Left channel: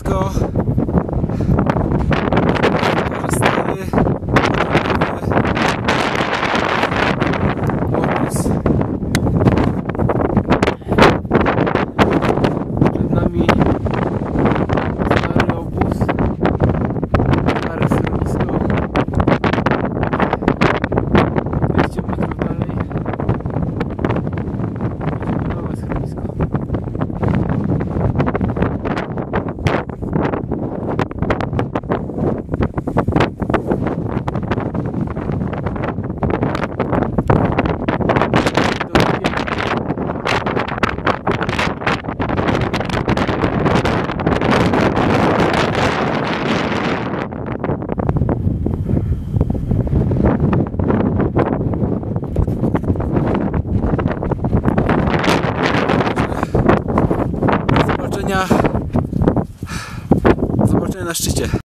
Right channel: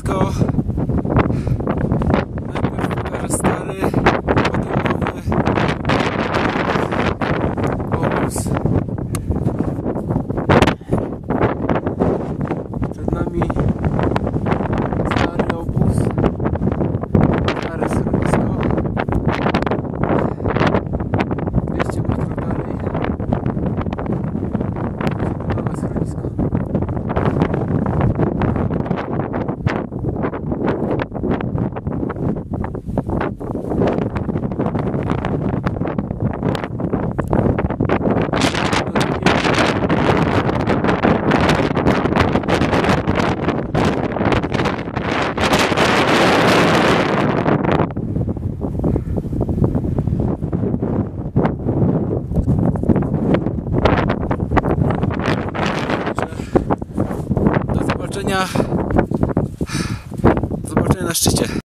schronisko. Pokażę stary obóz. Przed nami stary obóz, stare schronisko. 200 metrów dalej nowe schronisko. Do zobaczenia na szczycie.